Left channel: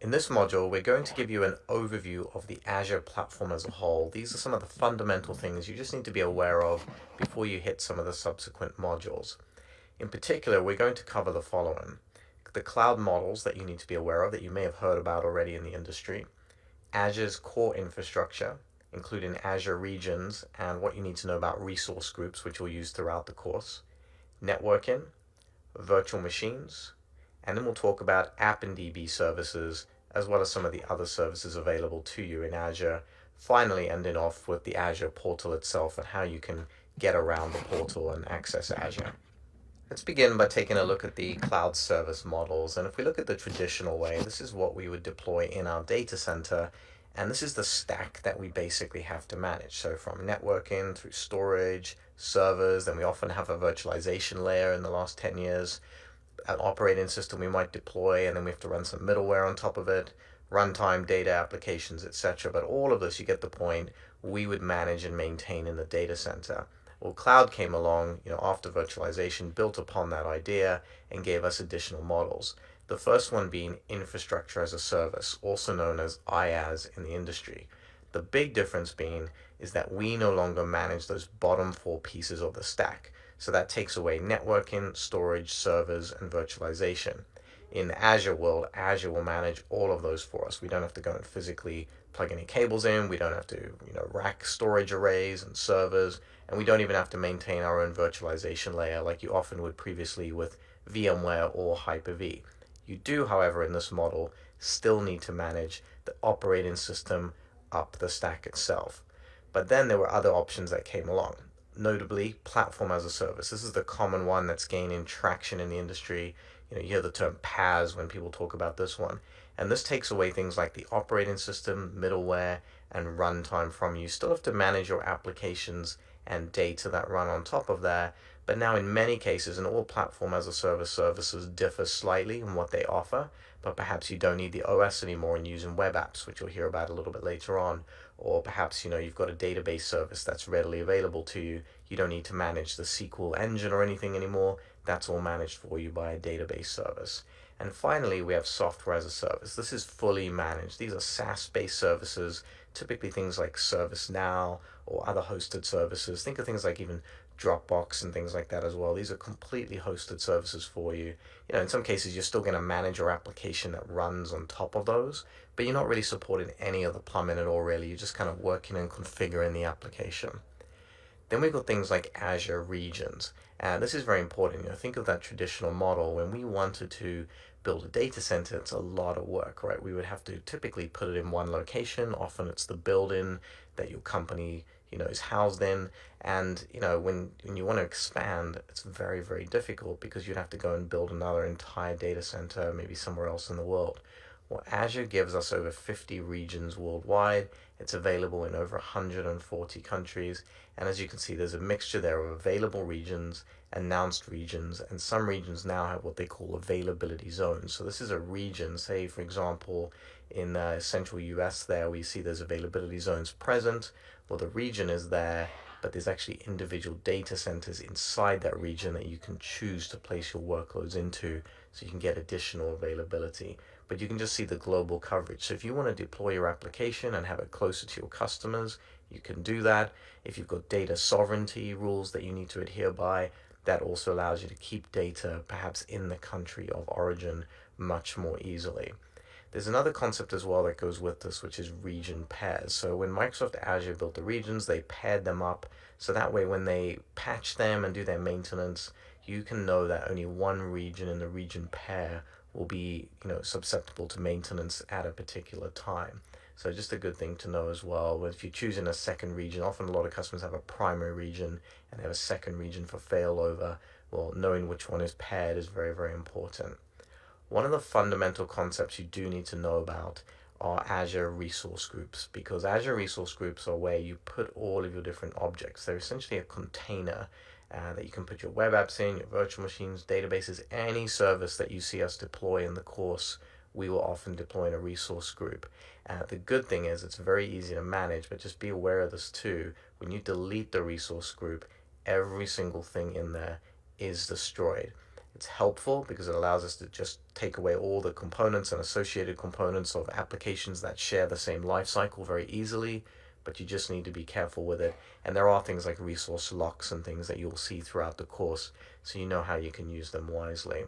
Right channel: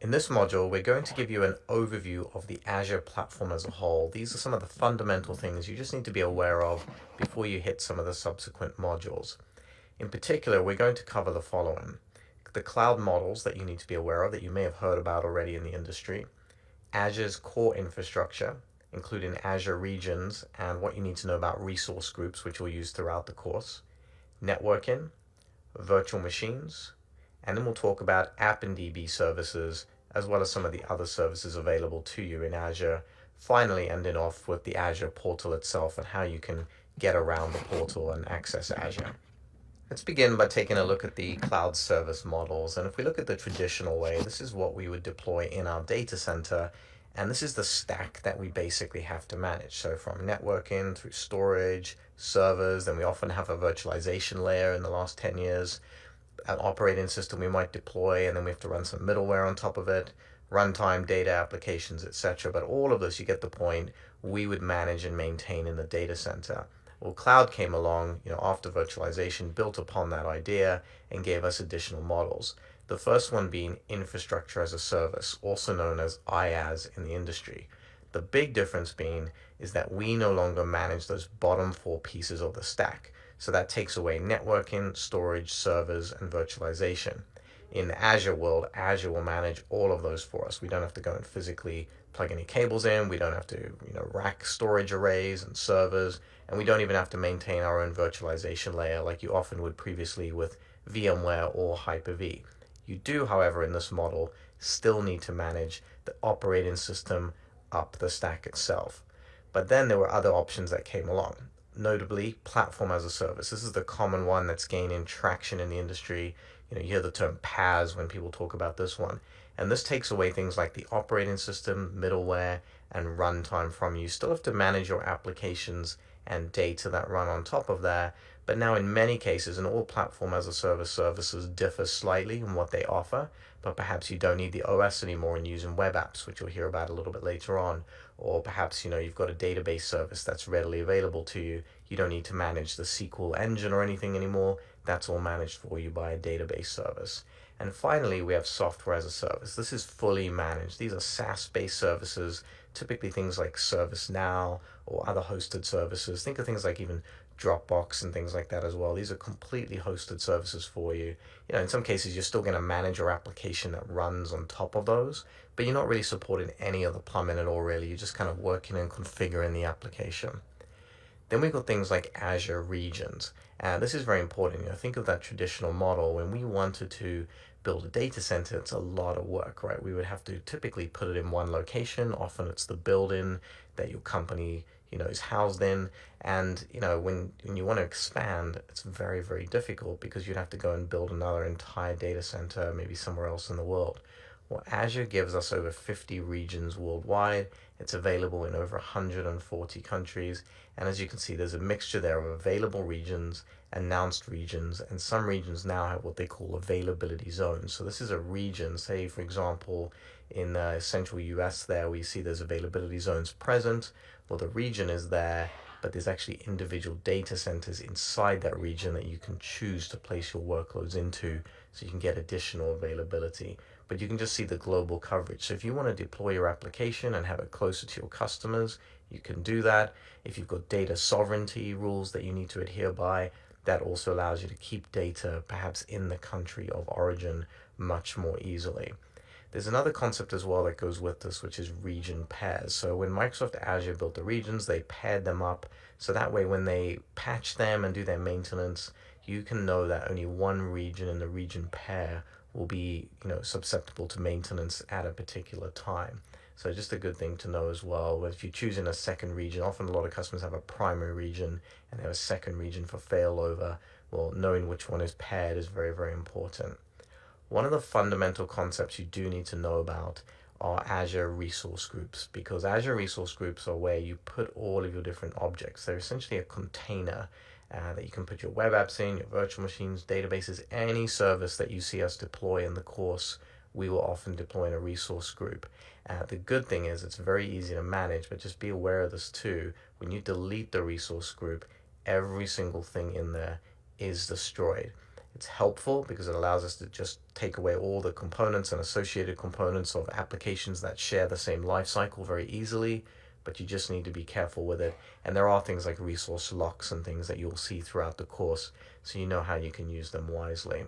In this module, we're going to give you an overview of the Azure platform as a whole. These are some of the fundamental things you just need to be aware of before you hit some of the subsequent modules. In particular, we're going to cover the following: the cloud models that you need to be aware of that you may have heard about already in the industry, Azure's core infrastructure, including Azure regions and what you need to know about resource groups, which we'll use throughout the course, networking, virtual machines, and then we'll talk about App and DB services, as well as some of the other services available to you in Azure. Finally, ending off with the Azure portal itself and how you can get around the portal and access Azure. Let's begin by taking a look at the cloud service models. And if we look at the traditional way, this is what we would deploy in our data center. And this is the stack that we basically have to manage. So from networking through storage, servers, then we often have a virtualization layer in the last 10 years, an operating system we might deploy, and then we have to run some middleware on top of it, runtime, data applications, etc. But all of this, you get the point, we would manage and maintain in the data center. Well, cloud came along, after virtualization, built upon that idea and gave us additional models. The first one being infrastructure as a service, also known as IaaS in the industry. The big difference being is that we no longer manage those bottom four pieces of the stack. So that takes away networking, storage, servers, and virtualization. In the Azure world, Azure will manage all of those for us. We don't have to go and physically plug any cables in. We don't have to, rack storage arrays and servers, and we don't even have to maintain our own virtualization layer like you often would previously with VMware or Hyper-V. You do, however, in this model, still need to manage the operating system up the stack itself. But then there were other options that came along, notably platform as a service. This is the common one that's gaining traction in the industry. You hear the term PaaS when people talk about this one. And this takes away things like the operating system, middleware, and runtime from you. You still have to manage your applications and data that run on top of that. But now in many cases, and all platform as a service services differ slightly in what they offer, but perhaps you don't need the OS anymore and using web apps, which you'll hear about a little bit later on. Or perhaps, you've got a database service that's readily available to you. You don't need to manage the SQL engine or anything anymore. That's all managed for you by a database service. And finally, we have software as a service. This is fully managed. These are SaaS-based services, typically things like ServiceNow or other hosted services. Think of things like even Dropbox and things like that as well. These are completely hosted services for you. In some cases, you're still going to manage your application that runs on top of those, but you're not really supporting any of the plumbing at all, really. You're just kind of working and configuring the application. Then we've got things like Azure regions. And this is very important. Think of that traditional model. When we wanted to build a data center, it's a lot of work, right? We would have to typically put it in one location. Often it's the building that your company, is housed in. And, when you want to expand, it's very, very difficult because you'd have to go and build another entire data center, maybe somewhere else in the world. Well, Azure gives us over 50 regions worldwide. It's available in over 140 countries. And as you can see, there's a mixture there of available regions, announced regions, and some regions now have what they call availability zones. So this is a region, say, for example, in central US there, we see there's availability zones present. Well, the region is there, but there's actually individual data centers inside that region that you can choose to place your workloads into so you can get additional availability. But you can just see the global coverage. So if you want to deploy your application and have it closer to your customers, you can do that. If you've got data sovereignty rules that you need to adhere by, that also allows you to keep data perhaps in the country of origin much more easily. There's another concept as well that goes with this, which is region pairs. So when Microsoft Azure built the regions, they paired them up. So that way when they patch them and do their maintenance, you can know that only one region in the region pair will be, susceptible to maintenance at a particular time. So just a good thing to know as well. If you're choosing a second region, often a lot of customers have a primary region and they have a second region for failover. Well, knowing which one is paired is very, very important. One of the fundamental concepts you do need to know about are Azure resource groups, because Azure resource groups are where you put all of your different objects. They're essentially a container that you can put your web apps in, your virtual machines, databases, any service that you see us deploy in the course, we will often deploy in a resource group. The good thing is it's very easy to manage, but just be aware of this too. When you delete the resource group, every single thing in there is destroyed. It's helpful because it allows us to just take away all the components and associated components of applications that share the same life cycle very easily, but you just need to be careful with it. And there are things like resource locks and things that you'll see throughout the course, so you know how you can use them wisely.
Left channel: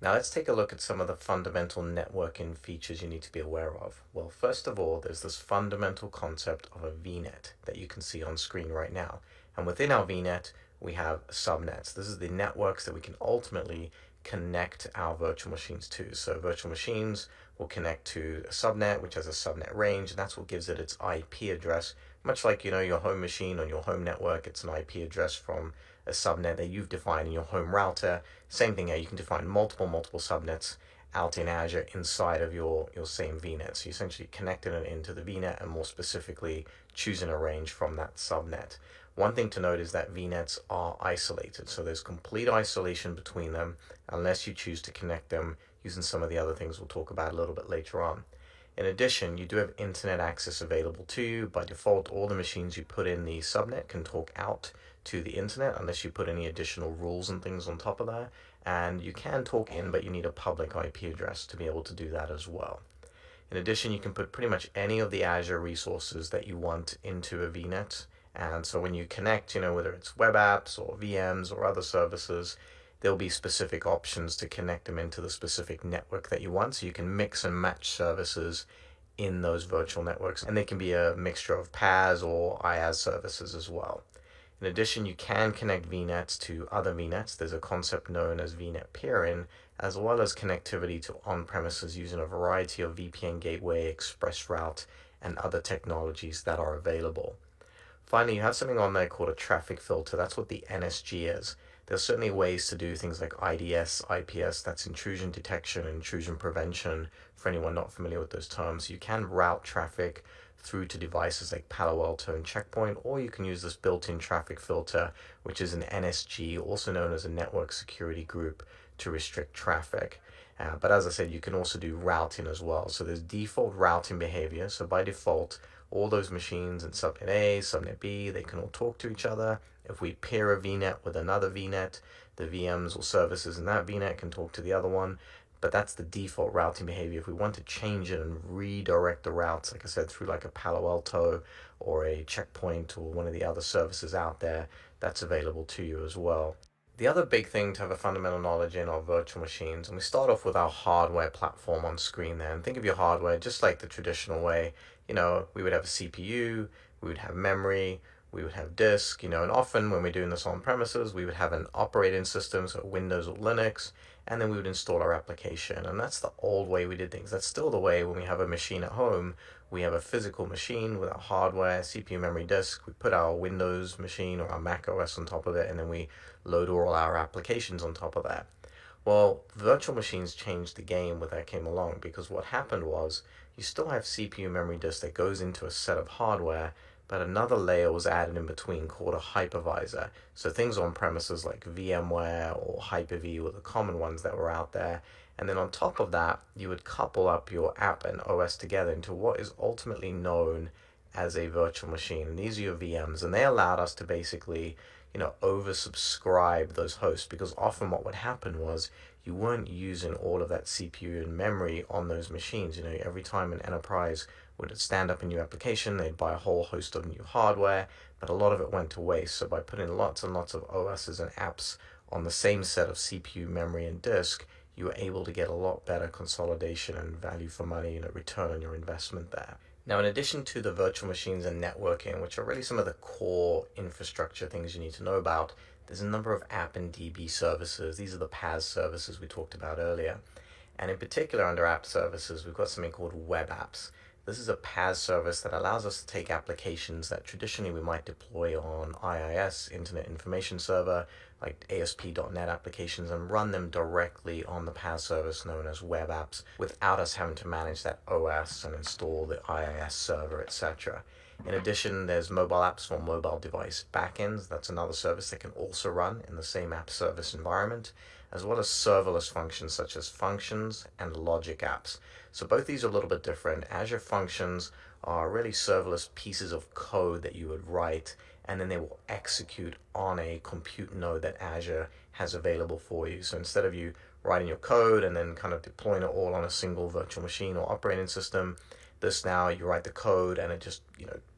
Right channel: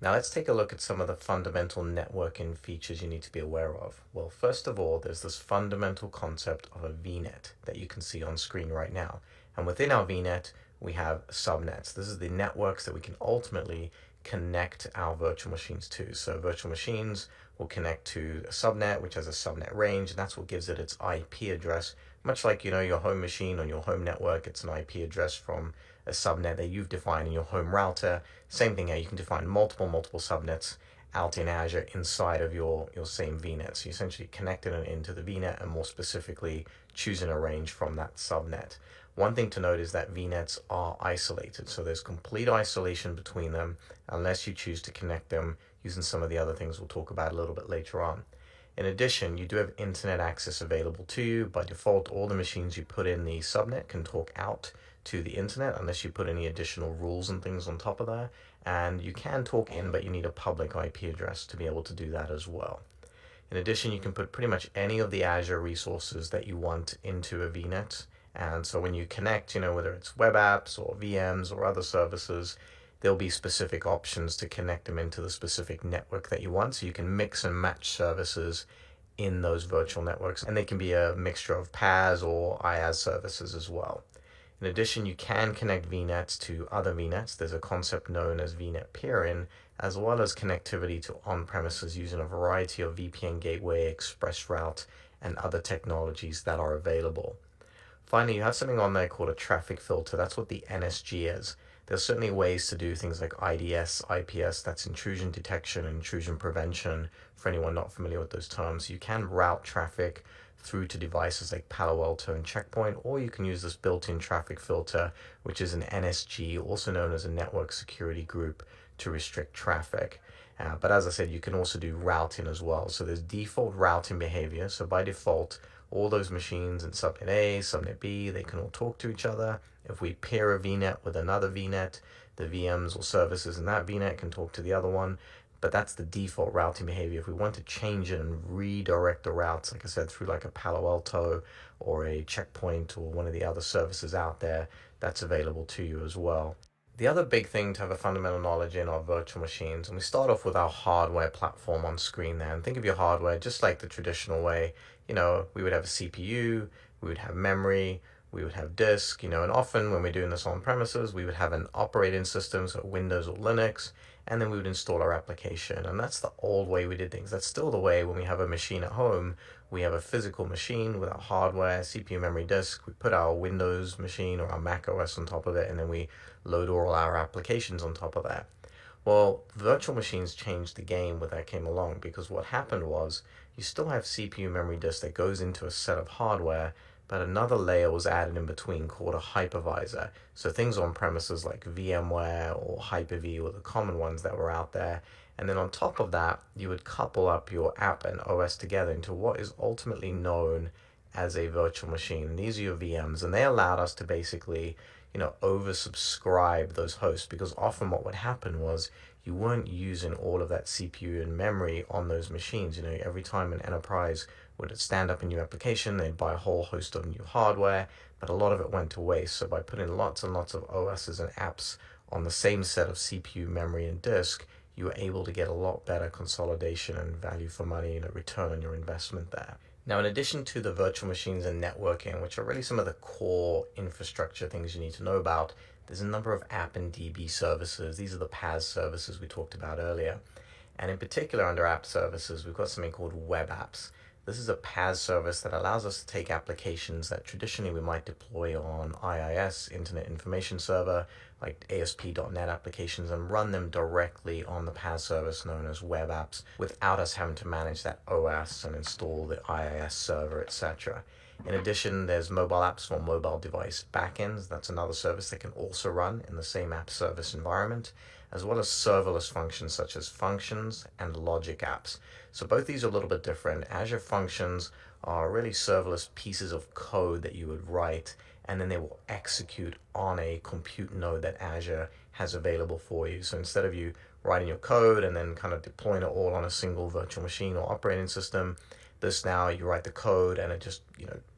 Now let's take a look at some of the fundamental networking features you need to be aware of. Well, first of all, there's this fundamental concept of a VNet that you can see on screen right now. And within our VNet, we have subnets. This is the networks that we can ultimately connect our virtual machines to. So virtual machines will connect to a subnet, which has a subnet range, and that's what gives it its IP address. Much like, your home machine on your home network, it's an IP address from a subnet that you've defined in your home router. Same thing here, you can define multiple subnets out in Azure inside of your same VNet. So you essentially connecting it into the VNet and more specifically choosing a range from that subnet. One thing to note is that VNets are isolated, so there's complete isolation between them unless you choose to connect them using some of the other things we'll talk about a little bit later on. In addition, you do have internet access available to you. By default, all the machines you put in the subnet can talk out to the internet unless you put any additional rules and things on top of that. And you can talk in, but you need a public IP address to be able to do that as well. In addition, you can put pretty much any of the Azure resources that you want into a VNet. And so when you connect, whether it's web apps or VMs or other services, there'll be specific options to connect them into the specific network that you want. So you can mix and match services in those virtual networks. And they can be a mixture of PaaS or IaaS services as well. In addition, you can connect VNets to other VNets. There's a concept known as VNet peering, as well as connectivity to on-premises using a variety of VPN gateway, express route, and other technologies that are available. Finally, you have something on there called a traffic filter. That's what the NSG is. There's certainly ways to do things like IDS, IPS, that's intrusion detection and intrusion prevention, for anyone not familiar with those terms. You can route traffic through to devices like Palo Alto and Checkpoint, or you can use this built-in traffic filter, which is an NSG, also known as a network security group, to restrict traffic. But as I said, you can also do routing as well. So there's default routing behavior. So by default, all those machines in subnet A, subnet B, they can all talk to each other. If we pair a VNet with another VNet, the VMs or services in that VNet can talk to the other one. But that's the default routing behavior. If we want to change it and redirect the routes, like I said, through like a Palo Alto or a Checkpoint or one of the other services out there, that's available to you as well. The other big thing to have a fundamental knowledge in are virtual machines. And we start off with our hardware platform on screen there. And think of your hardware just like the traditional way. We would have a CPU, we would have memory, we would have disk, and often when we're doing this on premises, we would have an operating system, so Windows or Linux, and then we would install our application. And that's the old way we did things. That's still the way when we have a machine at home. We have a physical machine with our hardware, CPU, memory, disk. We put our Windows machine or our Mac OS on top of it, and then we load all our applications on top of that. Well, virtual machines changed the game when that came along, because what happened was you still have CPU, memory, disk that goes into a set of hardware, but another layer was added in between called a hypervisor. So things on premises like VMware or Hyper-V were the common ones that were out there. And then on top of that, you would couple up your app and OS together into what is ultimately known as a virtual machine. And these are your VMs, and they allowed us to basically, oversubscribe those hosts, because often what would happen was you weren't using all of that CPU and memory on those machines. Every time an enterprise would stand up a new application, they'd buy a whole host of new hardware, but a lot of it went to waste. So by putting lots and lots of OSs and apps on the same set of CPU, memory, and disk, you were able to get a lot better consolidation and value for money, return on your investment there. Now, in addition to the virtual machines and networking, which are really some of the core infrastructure things you need to know about, there's a number of app and DB services. These are the PaaS services we talked about earlier. And in particular, under app services, we've got something called web apps. This is a PaaS service that allows us to take applications that traditionally we might deploy on IIS, Internet Information Server, like ASP.NET applications, and run them directly on the PaaS service known as web apps without us having to manage that OS and install the IIS server, etc. In addition, there's mobile apps for mobile device backends. That's another service that can also run in the same app service environment, as well as serverless functions such as functions and logic apps. So both these are a little bit different. Azure Functions are really serverless pieces of code that you would write, and then they will execute on a compute node that Azure has available for you. So instead of you writing your code and then kind of deploying it all on a single virtual machine or operating system, this now you write the code and it just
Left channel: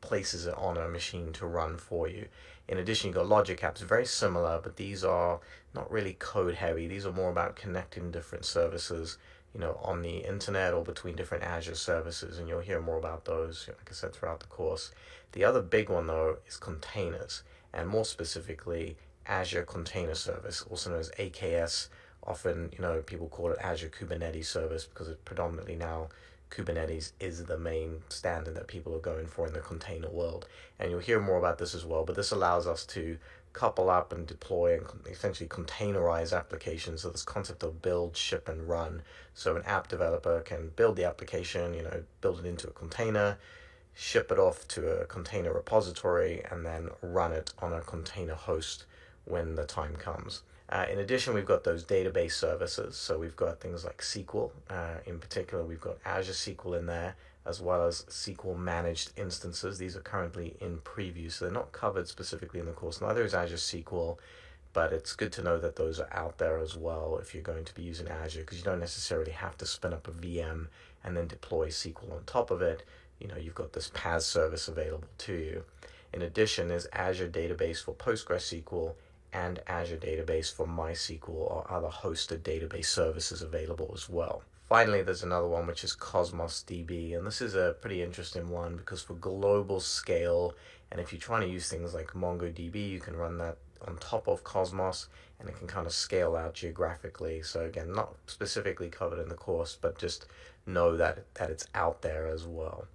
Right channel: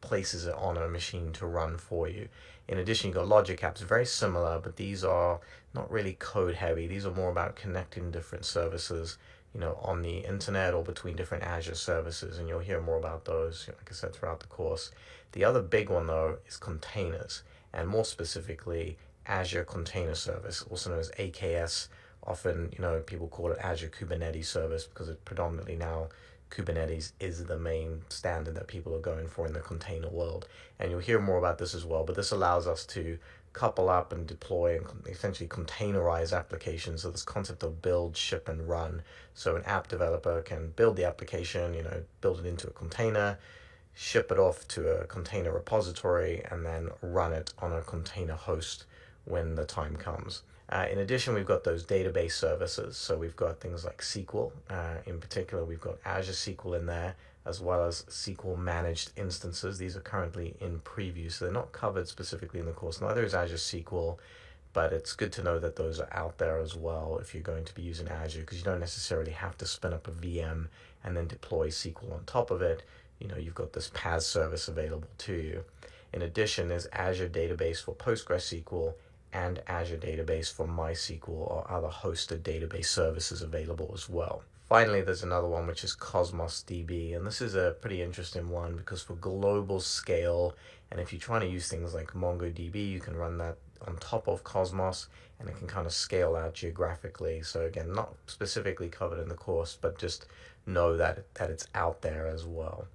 places it on a machine to run for you. In addition, you've got logic apps, very similar, but these are not really code heavy. These are more about connecting different services on the internet or between different Azure services, and you'll hear more about those, like I said, throughout the course. The other big one, though, is containers, and more specifically, Azure Container Service, also known as AKS. Often, people call it Azure Kubernetes Service because it predominantly now Kubernetes is the main standard that people are going for in the container world. And you'll hear more about this as well, but this allows us to couple up and deploy and essentially containerize applications. So this concept of build, ship, and run. So an app developer can build the application, build it into a container, ship it off to a container repository, and then run it on a container host when the time comes. In addition, we've got those database services. So we've got things like SQL. In particular, we've got Azure SQL in there, as well as SQL managed instances. These are currently in preview, so they're not covered specifically in the course. Neither is Azure SQL, but it's good to know that those are out there as well if you're going to be using Azure, because you don't necessarily have to spin up a VM and then deploy SQL on top of it. You've got this PaaS service available to you. In addition, there's Azure Database for PostgreSQL and Azure Database for MySQL or other hosted database services available as well. Finally, there's another one which is Cosmos DB, and this is a pretty interesting one because for global scale, and if you're trying to use things like MongoDB, you can run that on top of Cosmos, and it can kind of scale out geographically. So again, not specifically covered in the course, but just know that it's out there as well.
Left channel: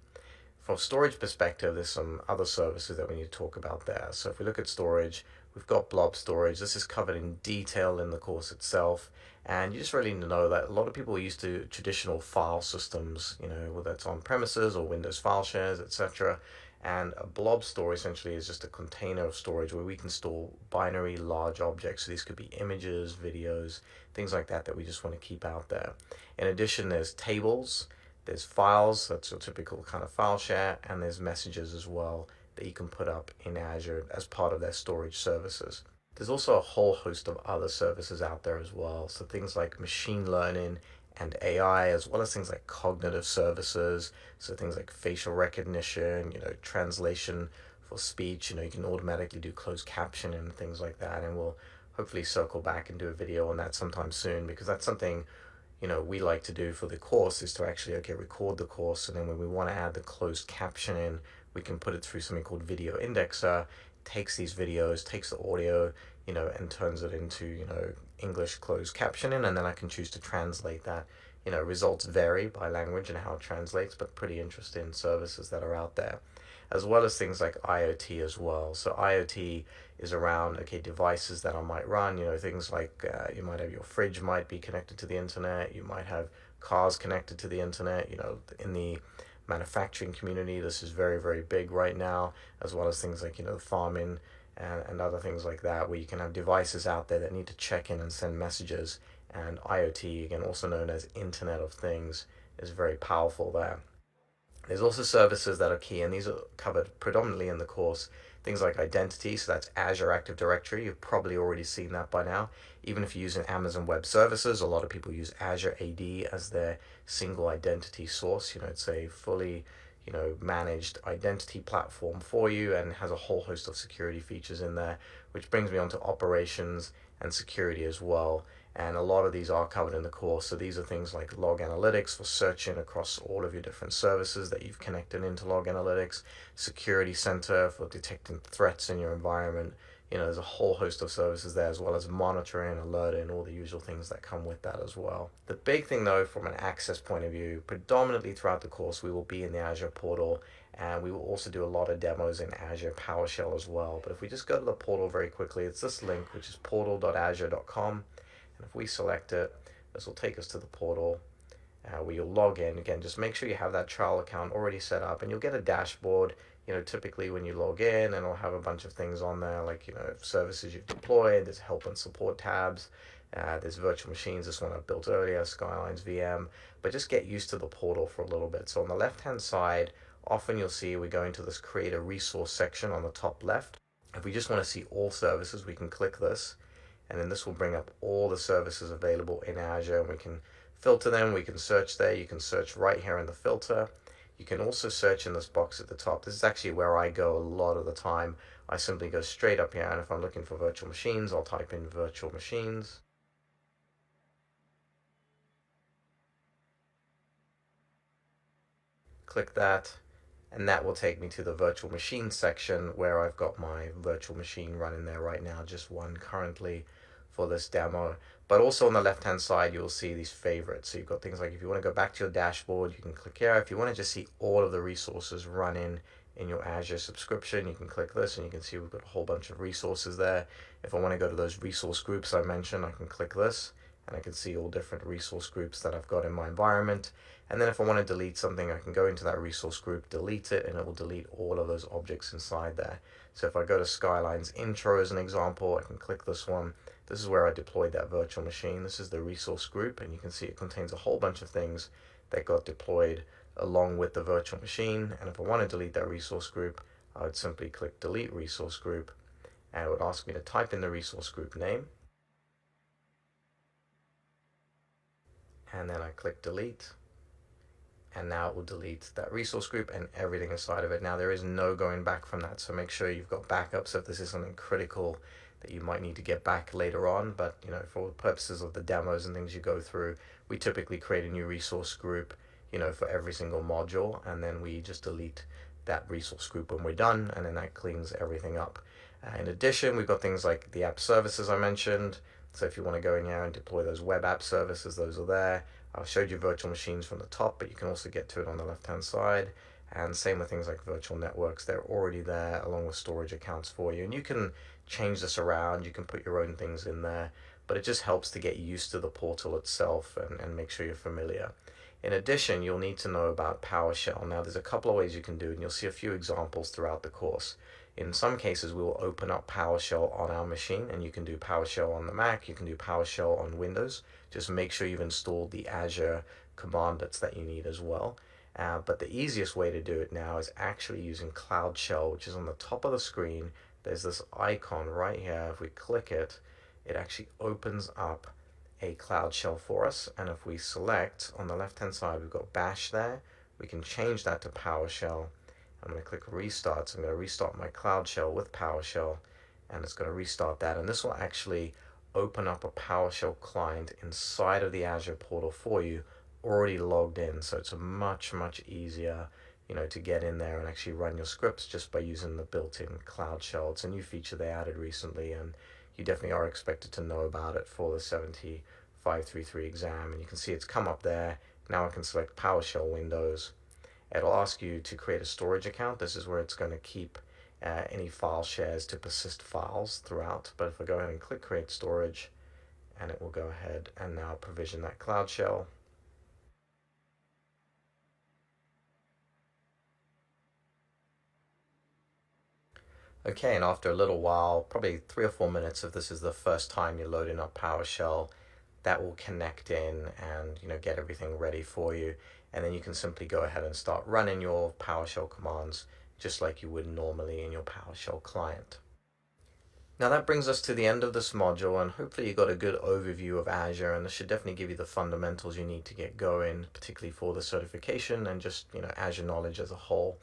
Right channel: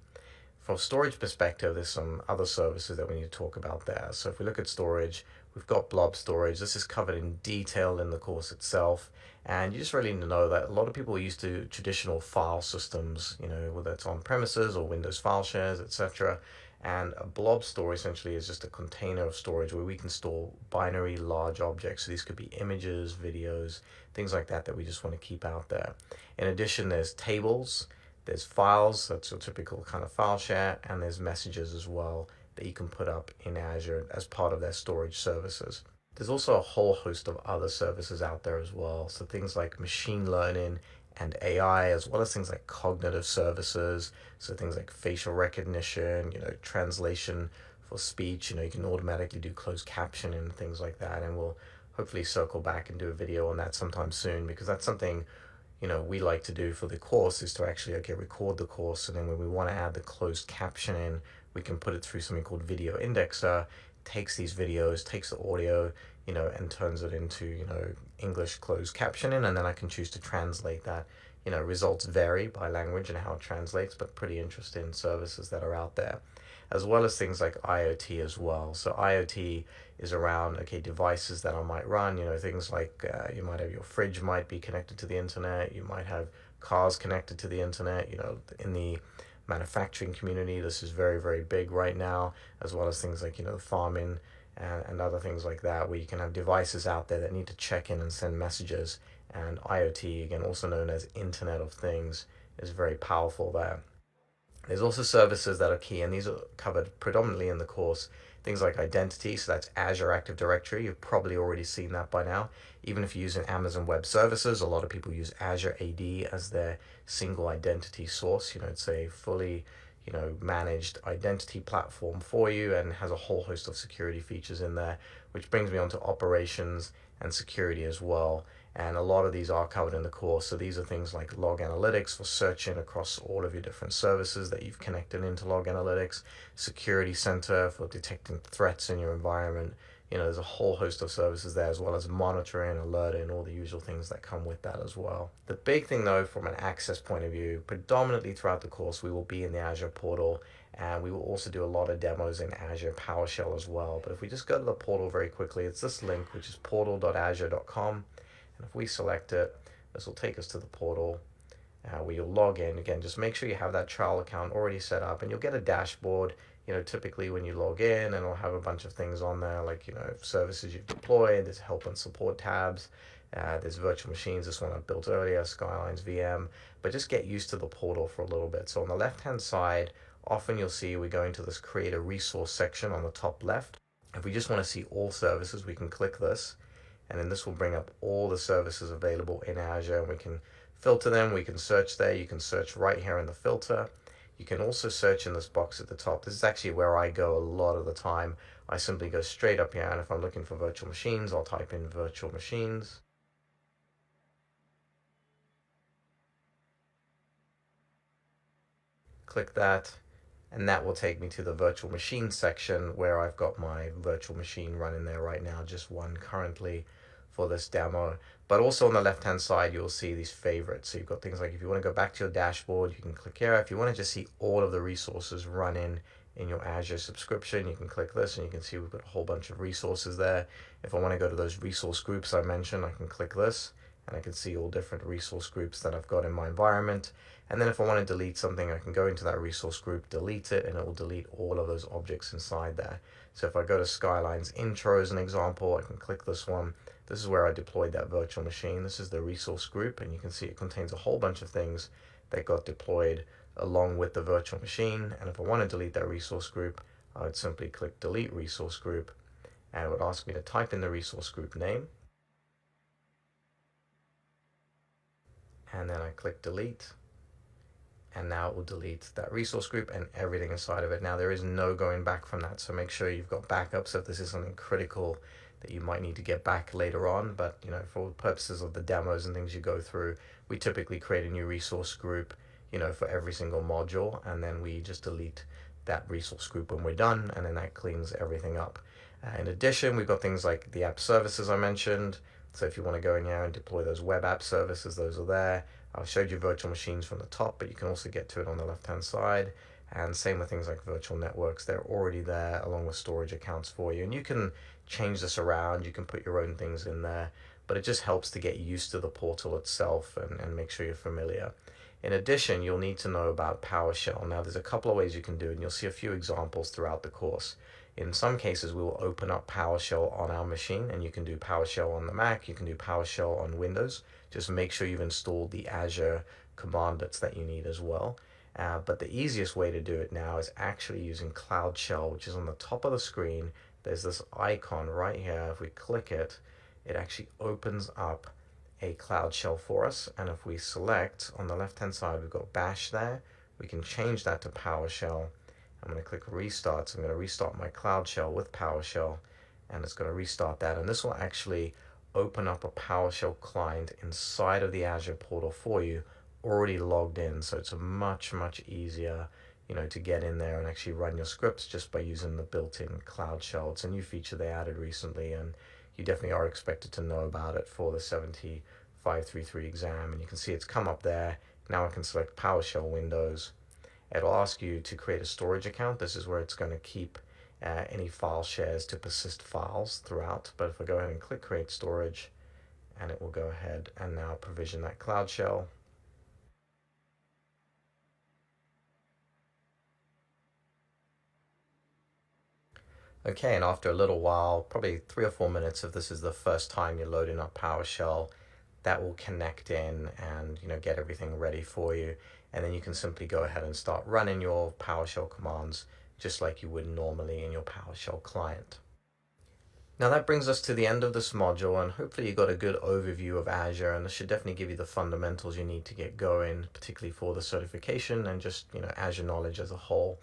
From a storage perspective, there's some other services that we need to talk about there. So if we look at storage, we've got blob storage. This is covered in detail in the course itself. And you just really need to know that a lot of people are used to traditional file systems, whether it's on premises or Windows file shares, etc. And a blob store essentially is just a container of storage where we can store binary large objects. So these could be images, videos, things like that we just want to keep out there. In addition, there's tables, there's files, that's your typical kind of file share, and there's messages as well that you can put up in Azure as part of their storage services. There's also a whole host of other services out there as well. So things like machine learning and AI, as well as things like cognitive services. So things like facial recognition, translation for speech, you can automatically do closed captioning and things like that. And we'll hopefully circle back and do a video on that sometime soon, because that's something we like to do for the course, is to actually, record the course. And then when we want to add the closed captioning, we can put it through something called Video Indexer, takes these videos, takes the audio, and turns it into, English closed captioning. And then I can choose to translate that. Results vary by language and how it translates, but pretty interesting services that are out there, as well as things like IoT as well. So IoT is around, devices that I might run, things like you might have your fridge might be connected to the internet, you might have cars connected to the internet, in the manufacturing community, this is very, very big right now, as well as things like, farming and other things like that, where you can have devices out there that need to check in and send messages. And IoT, again, also known as Internet of Things, is very powerful there. There's also services that are key, and these are covered predominantly in the course. Things like identity, so that's Azure Active Directory. You've probably already seen that by now. Even if you're using Amazon Web Services, a lot of people use Azure AD as their single identity source. It's a fully, managed identity platform for you and has a whole host of security features in there, which brings me on to operations and security as well. And a lot of these are covered in the course. So these are things like log analytics for searching across all of your different services that you've connected into log analytics, security center for detecting threats in your environment. There's a whole host of services there, as well as monitoring, alerting, all the usual things that come with that as well. The big thing though, from an access point of view, predominantly throughout the course, we will be in the Azure portal, and we will also do a lot of demos in Azure PowerShell as well. But if we just go to the portal very quickly, it's this link, which is portal.azure.com. And if we select it, this will take us to the portal where you'll log in. Again, just make sure you have that trial account already set up, and you'll get a dashboard. Typically when you log in, and it'll have a bunch of things on there, like, services you've deployed, there's help and support tabs, there's virtual machines, this one I built earlier, Skylines VM, but just get used to the portal for a little bit. So on the left-hand side, often you'll see we're going to this create a resource section on the top left. If we just want to see all services, we can click this. and then this will bring up all the services available in Azure, and we can filter them, we can search there, you can search right here in the filter. You can also search in this box at the top. This is actually where I go a lot of the time. I simply go straight up here, and if I'm looking for virtual machines, I'll type in virtual machines. Click that, and that will take me to the virtual machine section where I've got my virtual machine running there right now, just one currently for this demo. But also on the left hand side, you'll see these favorites. So you've got things like if you want to go back to your dashboard, you can click here. If you want to just see all of the resources running in your Azure subscription, you can click this and you can see we've got a whole bunch of resources there. If I want to go to those resource groups I mentioned, I can click this and I can see all different resource groups that I've got in my environment. And then if I want to delete something, I can go into that resource group, delete it, and it will delete all of those objects inside there. So if I go to Skyline's intro as an example, I can click this one. This is where I deployed that virtual machine. This is the resource group, and you can see it contains a whole bunch of things that got deployed along with the virtual machine. And if I want to delete that resource group, I would simply click delete resource group, and it would ask me to type in the resource group name. And then I click delete. And now it will delete that resource group and everything inside of it. Now there is no going back from that, so make sure you've got backups if this is something critical that you might need to get back later on. But for purposes of the demos and things you go through, we typically create a new resource group for every single module, and then we just delete that resource group when we're done, and then that cleans everything up. In addition, we've got things like the app services I mentioned. So if you want to go in here and deploy those web app services, those are there. I showed you virtual machines from the top, but you can also get to it on the left-hand side. And same with things like virtual networks. They're already there along with storage accounts for you. And you can change this around. You can put your own things in there, but it just helps to get used to the portal itself and make sure you're familiar. In addition, you'll need to know about PowerShell. Now, there's a couple of ways you can do it, and you'll see a few examples throughout the course. In some cases, we will open up PowerShell on our machine, and you can do PowerShell on the Mac, you can do PowerShell on Windows. Just make sure you've installed the Azure commandlets that you need as well. But the easiest way to do it now is actually using Cloud Shell, which is on the top of the screen. There's this icon right here. If we click it, it actually opens up a Cloud Shell for us. And if we select on the left-hand side, we've got Bash there. We can change that to PowerShell. I'm going to click restart. So I'm going to restart my Cloud Shell with PowerShell, and it's going to restart that. And this will actually open up a PowerShell client inside of the Azure portal for you, already logged in. So it's a much easier, to get in there and actually run your scripts just by using the built-in Cloud Shell. It's a new feature they added recently, and you definitely are expected to know about it for the 70533 exam. And you can see it's come up there. Now I can select PowerShell Windows. It'll ask you to create a storage account. This is where it's going to keep any file shares to persist files throughout. But if I go ahead and click create storage, and it will go ahead and now provision that Cloud Shell. Okay, and after a little while, probably 3 or 4 minutes, if this is the first time you're loading up PowerShell, that will connect in and get everything ready for you. And then you can simply go ahead and start running your PowerShell commands just like you would normally in your PowerShell client. Now that brings us to the end of this module, and hopefully you got a good overview of Azure, and this should definitely give you the fundamentals you need to get going, particularly for the certification and just Azure knowledge as a whole.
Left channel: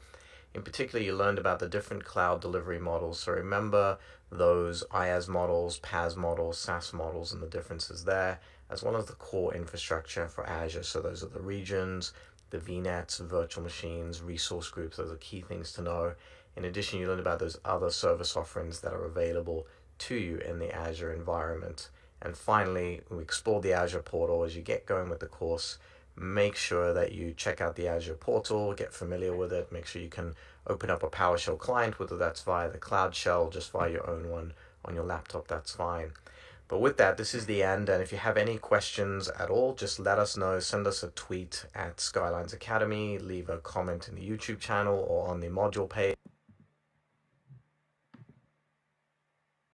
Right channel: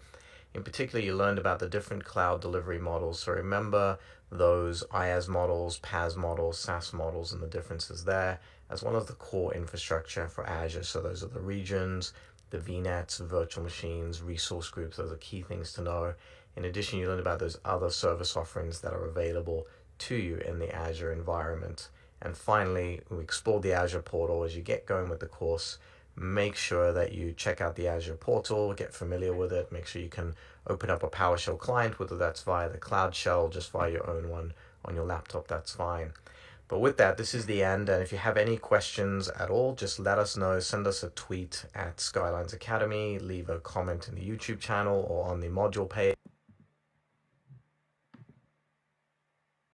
In particular, you learned about the different cloud delivery models. So remember those IaaS models, PaaS models, SaaS models, and the differences there, as well as the core infrastructure for Azure. So those are the regions, the VNets, virtual machines, resource groups. Those are key things to know. In addition, you learned about those other service offerings that are available to you in the Azure environment. And finally, we explored the Azure portal. As you get going with the course, make sure that you check out the Azure portal, get familiar with it, make sure you can open up a PowerShell client, whether that's via the Cloud Shell, just via your own one on your laptop, that's fine. But with that, this is the end, and if you have any questions at all, just let us know. Send us a tweet at Skylines Academy, leave a comment in the YouTube channel or on the module page.